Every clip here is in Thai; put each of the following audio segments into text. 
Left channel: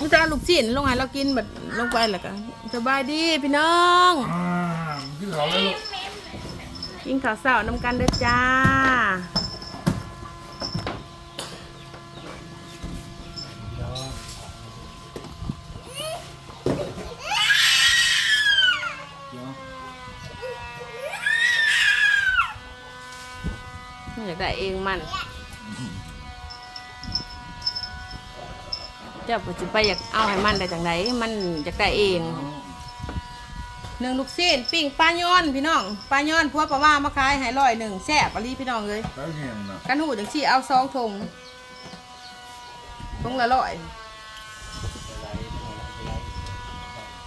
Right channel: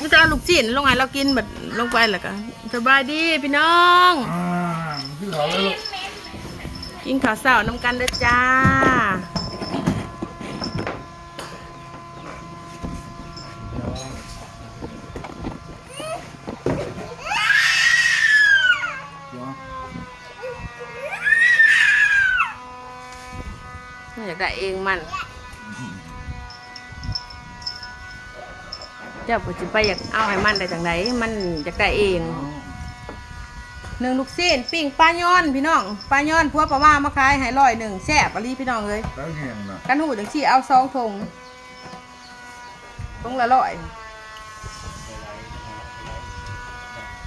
มึงจะเอาลูกชิ้นลงให้เรากินแบบลงไปแล้วก็สบายดีพี่น้อง อ่าขึ้นเขาแล้วลูกกินข้าวเสาน้ำกันเด้อจ้า เดี๋ยวอยากได้เองมัน เจ้าปัจจุบันอยากเอาให้มันได้จังไดมันอยากได้เองหนึ่งลูกซีนปิ้งปลาย้อนพี่น้องปลาย้อนพวกปลาว่ามาขายให้ร้อยหนึ่งแซ่บอลีพี่น้องเลยแล้วเงี้ยงนะกันหูจังสี่เอาซองทงทงละร้อย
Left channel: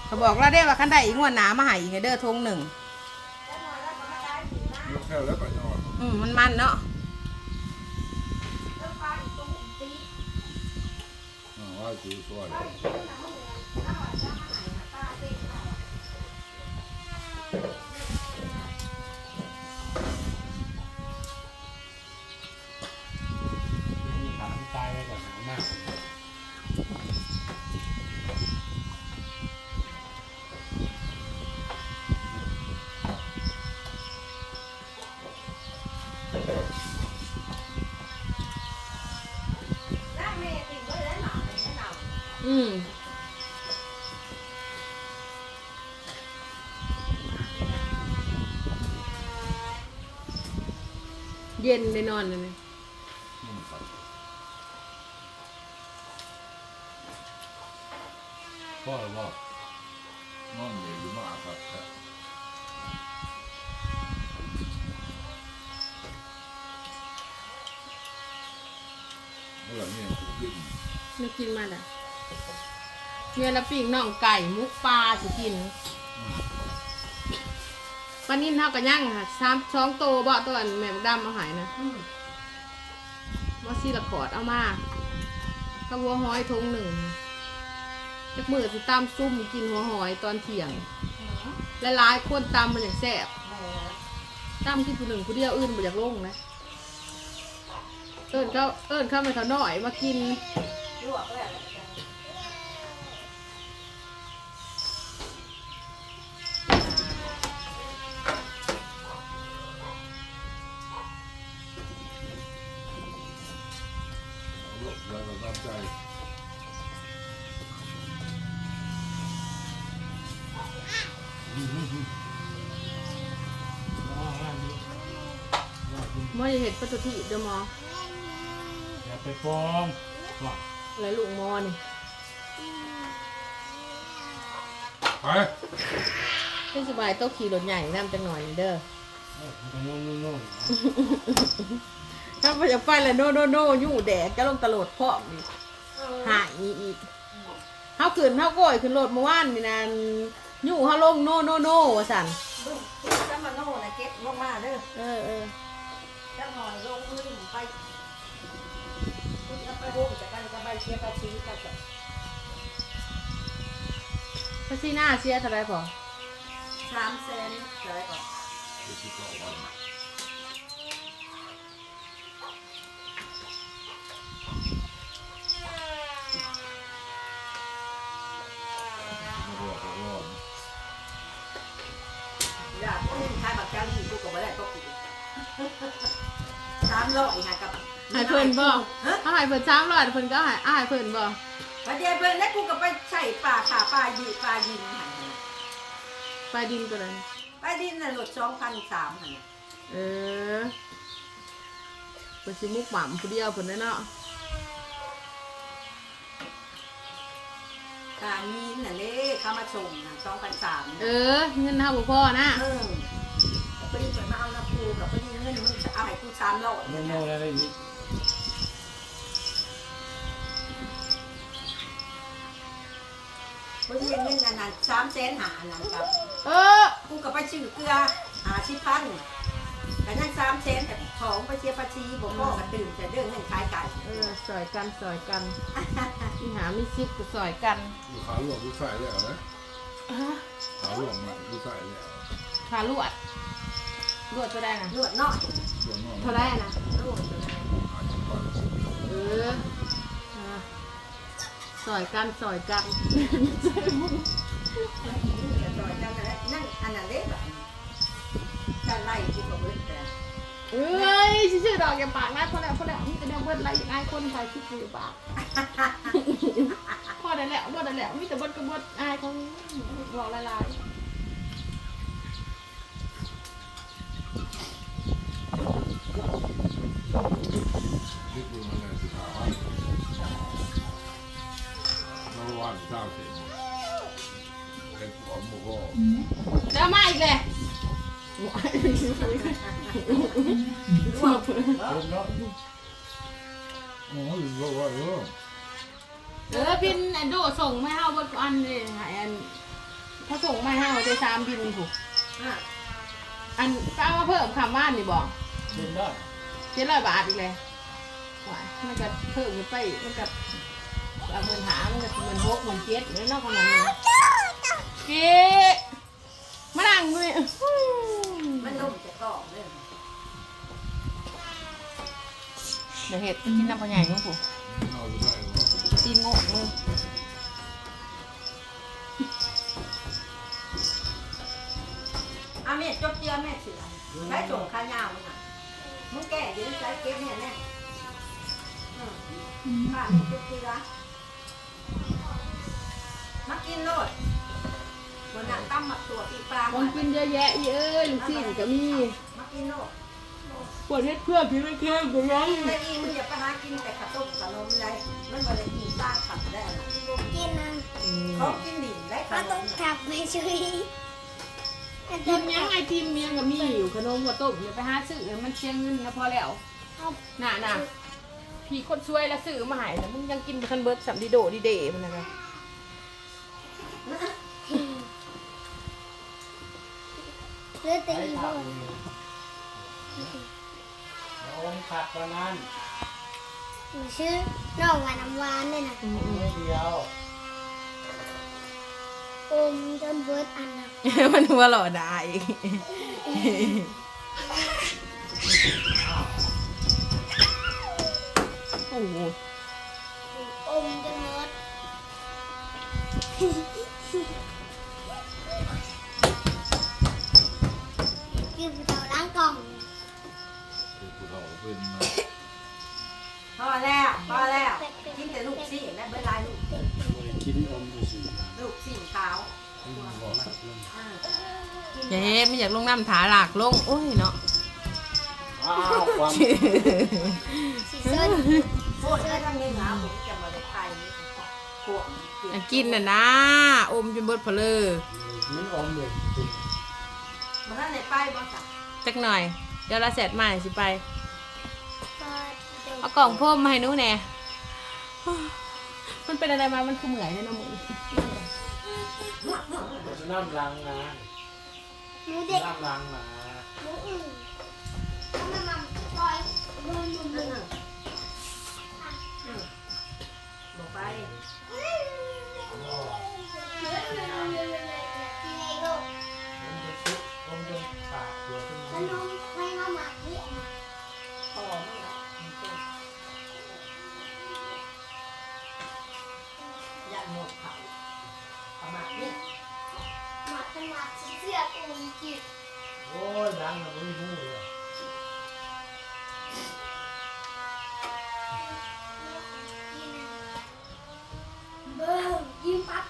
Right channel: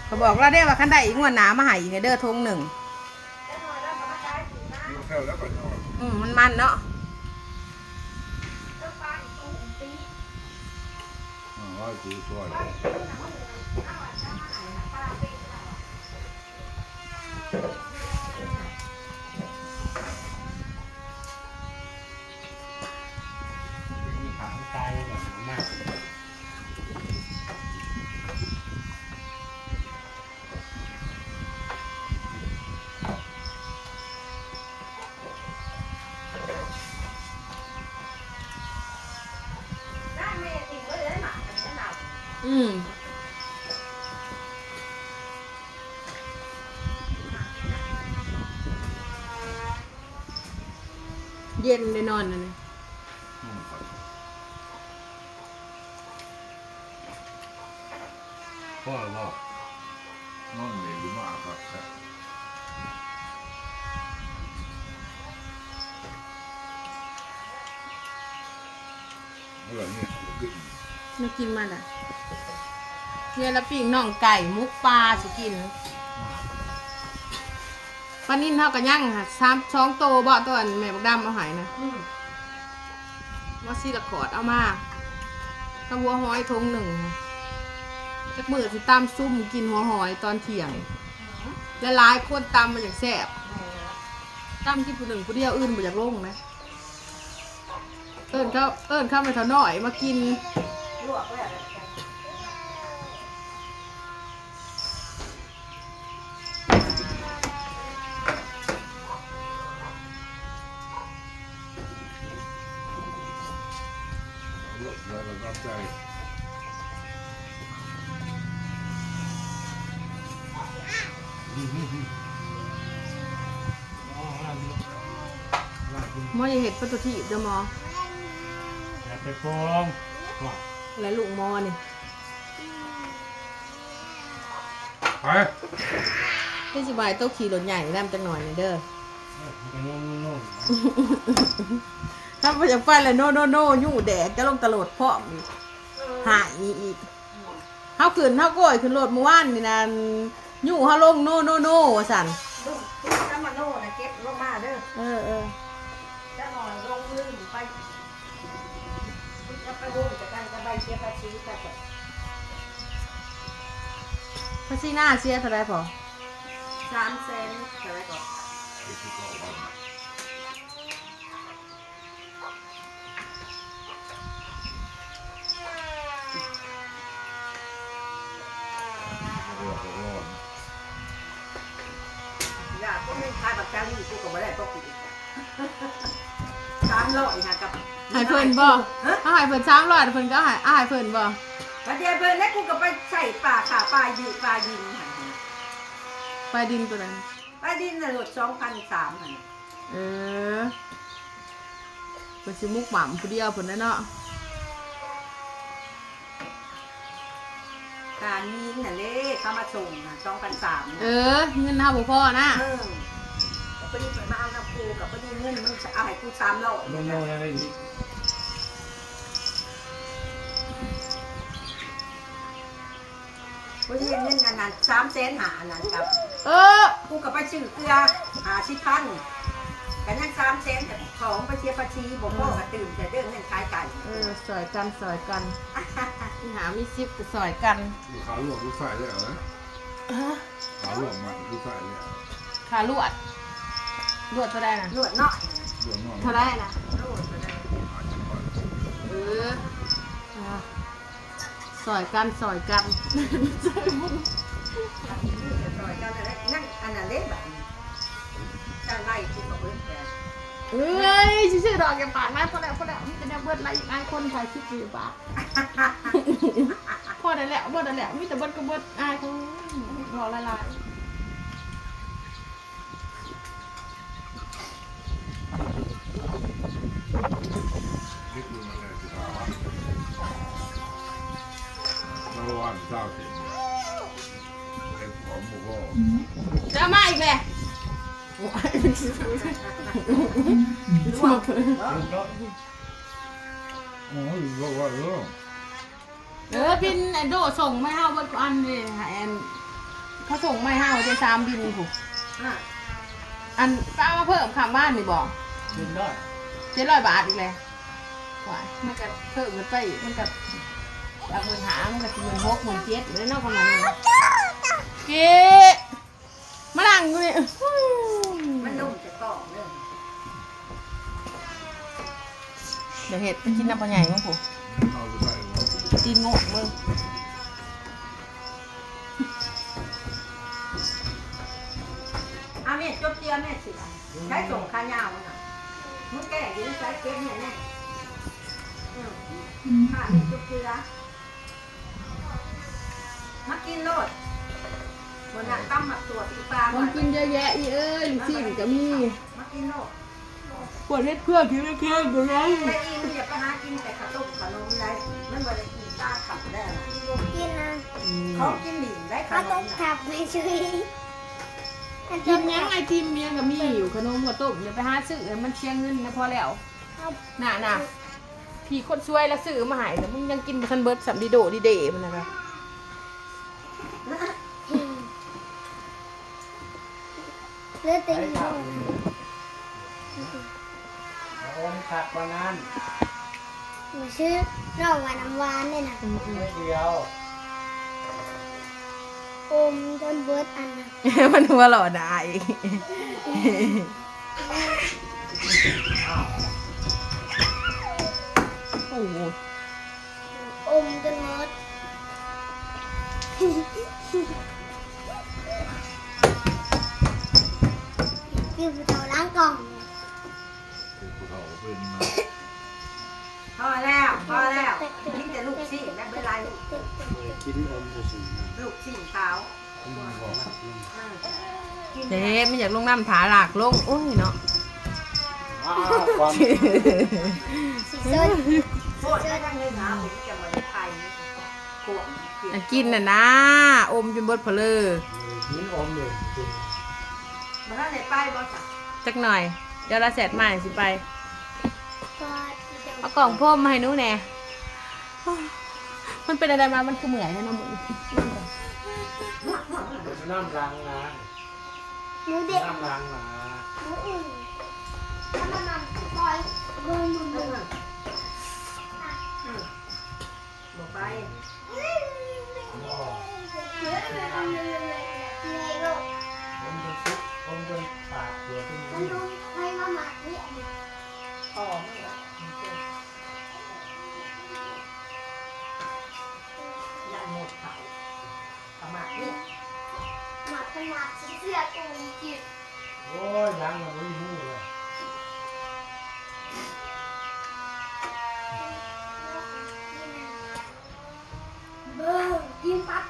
เขาบอกเราได้ว่าคันได้อีกงวดหนามาใหายอีกให้เด้อทงหนึ่งลูกแค่แล้วก็นอนอืมมันมันๆเนาะ อ่าว่าคือช่วย มีถามตายแล้วก่อนหนาวมาก อืม เย็นเลยนอนเลยนุ่มปัดพ่อหรือพ่อนอนเหนื่อยหรือมาครับครับเมื่อเนี่ยขึ้นไม่กินมาละเนี่ยละปิ้งน่องไก่มุกปลาสิกิน ปลานิ่มเท่ากันย่างค่ะสามสองโตวบ่ตัวอันแม่บักดำเอาหายนะว่าซีละขอดเอามาข้าวหัวหอยทงหนึ่งจักมือสิตามซุ่มกินหัวหอยตอนเที่ยง และหลายคนตำมาอย่างแซ่บตำกินผู้หนึ่งผู้เดียวอื่นไปจากโลงนะเอิญเขาเอิญเข้าไปเท่าน้อยมากินเหมอจะเห็ดประตูที่เดอหมออย่าไปฟ้องว่าและลูกหมอนี่ไปเทศบายโต๊ะขี่รถใหญ่นั่นเป็นหน่อยนี่เด้อเออมันก็โน่นโน่นถ้าไปจะไปเลยโน่โน่โน่ยู่แดดก็ลงตลอดพร้อมอีกหายอีกเขาขึ้นเขาก้อยขึ้นรถเมื่อวานนี่นะ ยู่เขาลงโน่โน่โน่สั่นลูกลูกจะมาโน่นะเก็บลงมาเด้อเออเออจะหน่อยลงลืมไปลูกจะไปโฮมจากกันจะใบเชียร์ปาชีกันจ้ะพระซีหน้าเสียเท่าไรพอสามแสนอะไรก่อนไปที่เร้อยค่ะกับใหายเพิ่นบ่ฮะเขาใหายเพิ่นช้างร้อยเพิ่นก็ใหายอาหายเพิ่นบ่ประเดี๋ยวเพิ่นแล้วกูก็ไปใส่ปลาขาปลายืปลายินหันไปดินตัวนั้นปลาดินน่ะหลดสองพันสามหันเออเป็นสิมุกหม่ำผู้เดียวเพิ่นนั่นเนาะการมีนน่ะเด้เข้ามาส่งน่ะสองพันสามเอนะอเงินเท่าบ่พ่อนะ กูสามร้อยโน่นโน่นอะไรอีกพอดีเงินอันนั้นสามแสนหาอันนั้นครับเออกูกับไปซื้อเกลือหาสิพันกันยังสามแสนแต่ของไปเชียร์ปาชีบอกพ่อกระตื่นแต่เรื่องเงินขายไก่เออสอยกันสอยกันมีหามีซิปก็สอยกันขาหลวงกูใส่เลยเหรอขาหลวงมากูใส่เลยขาลวดลวดเท่าได้นะนวดเนาะ ส่วนนอกเท่าได้นะนวดไปเลยอาจจะก่อนเอออ่าซอยกันซอยกันจะต่อยกันอะไรนั่นอันนั้นเล็กแบบการไล่กูกับเบิร์ดแต่เอ้ยชื่อดอกแกปากนะพอแล้วพอแล้วนี่จะเนี่ยเบิดอะไรอย่างไงคนไทยคิดดีป่ะพอได้แล้วเบิดได้แล้วมีแต่เบิดก็เบิดอายเขาบอกละลายนี่ เลยร่วงลุงก็โอ้ยก็ว่าเออเออบินไอ้โดส่งไม่ห้าวันอันเลยค่ะแอนเขาส่งไม่ห้าวันจะสามบินถูกอะอันก็เอามาเพิ่มคำบ้านนี่บอกลุงได้เจ็ดร้อยบาทอีกเลยว้ายมันก็เพิ่มกันไปอีกมันก็เอาเงินหามันก็สิเงินหกหมื่นเจ็ดเลยเนอกประมาณนี้เก๊มาดั งเลยมันนุ่มจะกรอบเลยเดี๋ยวเห็ดกินน้ำปลาใหญ่มั้งผูเราจะได้ว่าตีนโง่เลยอาเมียจบเจียแม่สิไรใช้ส่งขายาวมันอะมึงแก่ยืนใช้เก็บเนี่ยแน่ข้าเมียจบเจียมากินโลด นั้นตั้มหมักตัวตีปลามันกินเยอะแยะอีเอ้ยลูกศิษย์ก็มีมากินโลดปวดเล็ดเพื่อนกินเพื่อนก็ยังแต่อีมึงอย่าไปหากินแต่ขนมขนมไรมันบ่ได้กินตาขัดได้นะกินนะเขากินหลิงได้ขก็นต้องมนะกลับไปช่วยกินยังไอติมยังก็มีอยู่ขนมหัวต้มอย่าไปหาซื้อมันเชียงเงินนะพอแล้วเอาน่ะน่ะพี่คนช่วยแล้วซื้อมาใหายนะมึงยังกินคันเบิร์ดสัมดีโดดีเดมันนะคะ เลือดตีไอ้นขับเลยแล้วอมขับวันนั้นหนูชื่อน้องวาน้ำหวานเนี่ยนะไม่เดียวอมจนเบิร์ดอันนะมันหัวหล่อได้อีกโอ้โหอมจนเบิร์ด เฒ่าเป็นมาพอแล้วพอแล้วกินแต่ลูกซี่และเวลาลูกกินอมจะสิลูกซี่ขาวบอกอ่ากินเจ๊ไม่อยากลงน้ำถาหลากลงโอ้ยเนาะอ้าวความสีส้นโคตรได้ทั้งนี้นะผมจะมาได้ไข่นี่ขวดอยากกินน่ะนะ อมจนเบิดเพลอกินอมเลยกินมาท่านไหนไปบ่จ้ะจักหน่อย เดี๋ยวเราเสร็จมาสิไปก็ เอากล่องพ่มมาให้หนูแหน่มันเป็นอะไรมา มันคือเหมือนเลยนะมึงเป็นน้ำรังนะหนูเด็กน้ำรังนะหนูอื่นถ้ามันนำปล่อยเบิร์ดมันเอเหมดเขาประมาณนี้หมักเป็นหมักเสื้อตัวจิ๋วโอ้ยรังมันไม่มีเลยเบิร์ดยิ้มปั๊บ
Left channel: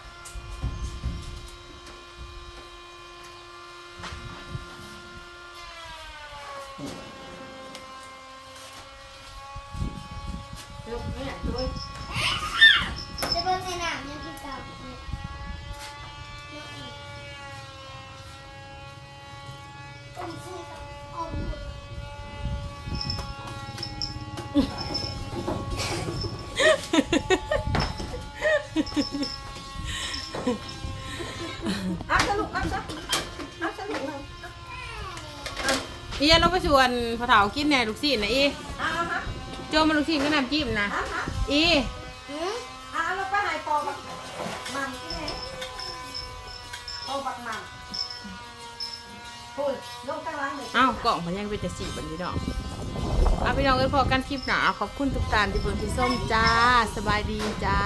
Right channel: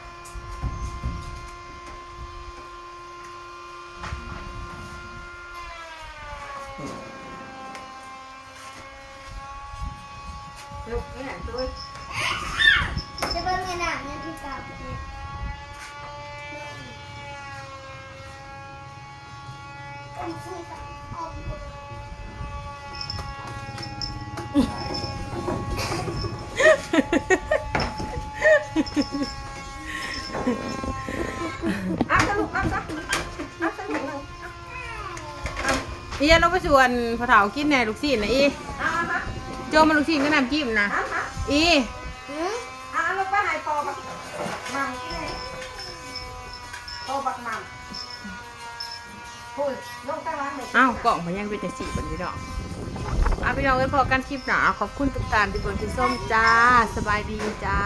ลูกนี่แหละตัวจะเบิร์ดไงน่ะเนี่ยพี่กาอมซื้อกับอมอะสรุปอะซะอะสรุปเลยอีอย่าลงไปชวนพอเถากินแหน่ลูกศิษย์นะอีอะอะฮะโจมาลูกศิษย์ก็นำจิ้มนะอะฮะอีายปอบักมังใช่ไหมปอบักมังพูดลงตั้งร้านเลยอ้าวกล่องมันยังเป็นแต่สีบันพี่น้องเอาพี่น้องกันพอกันคลิปหนาขอบคุณทุกการที่เบิ่งที่ส้มจ้า สบายดีจ้า